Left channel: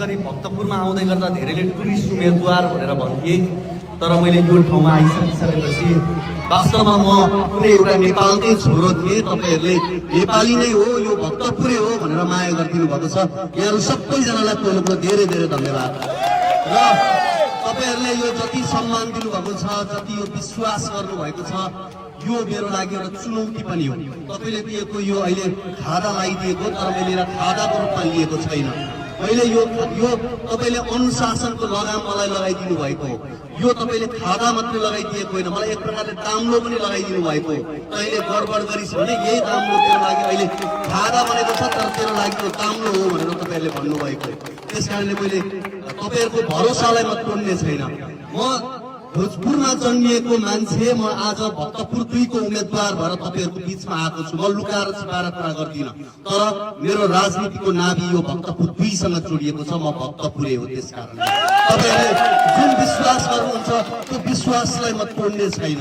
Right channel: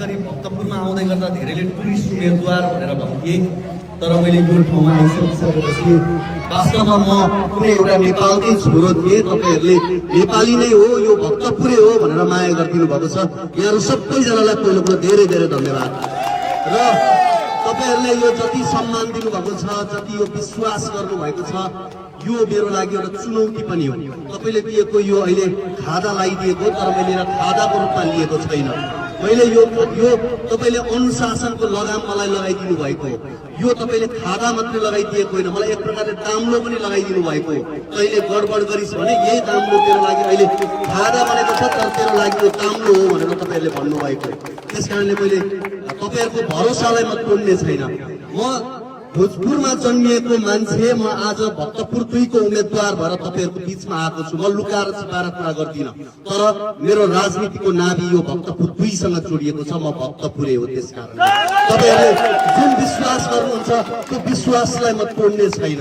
गरी भक्तपुरमा आउँदै गर्दा धेरैले टुरिस्ट उम्मेदवार भनेर भन्थे। तर मैले यो ठाउँमा आइसकेपछि वास्तवमा म कुनै एउटा नेपालकै छोरो थिएँ। तपाईँहरूले नेपाली नै हो, यो भक्तपुरै हो भनेर माया गरिदिनु भएको छ। यहाँहरू सबैजनालाई पहिलो कुरो धेरै धेरै धन्यवाद। र तपाईहरूले यो जति सम्मान दिनुभएको छ, जति यो विश्वास गर्नुभएको छ, यो मेरो लागि एउटा चुनौती पनि हो। तपाईँले दिएको यो अहिले खादा लगाइदिएको, तर मैले यसलाई खादाको रूपमा लिएको छैन। मैले यो तपाईँले अनुशासनको लगाम मलाई लगाइदिनु भएको हो। यो तपाईँले खादा मात्रै लगाइदिएको होइन, मलाई एक प्रकारले दाम्लो पनि लगाइदिनु भएको हो। अहिले गडबड गरिस् भने यही दाम्लो तेरो लागि अहिले खादा बनेको छ, तर तेरो लागि यो दाम्लो हो भनेर तपाईँहरूले भन्नुभएको हो। त्यस कारणले मैले तपाईँहरूको भरोसालाई म तोड्ने छैन। म भोजपुरमा जन्मिएको मान्छे, म आज भक्तपुर 2 को उम्मेद्वार भएर तपाईँहरूको बीचमा आएको छु। म लुकाएर छिपाएर कुरा गर्दिनँ, तर मेरो राजनीतिको नाभि यो भक्तपुर 2 सँग जोडिएको छ। म भक्तपुरे हो। त्यस कारण तपाईँहरूले जुन विश्वास गर्नुहुन्छ त्यो विश्वासलाई म तोड्ने छैन।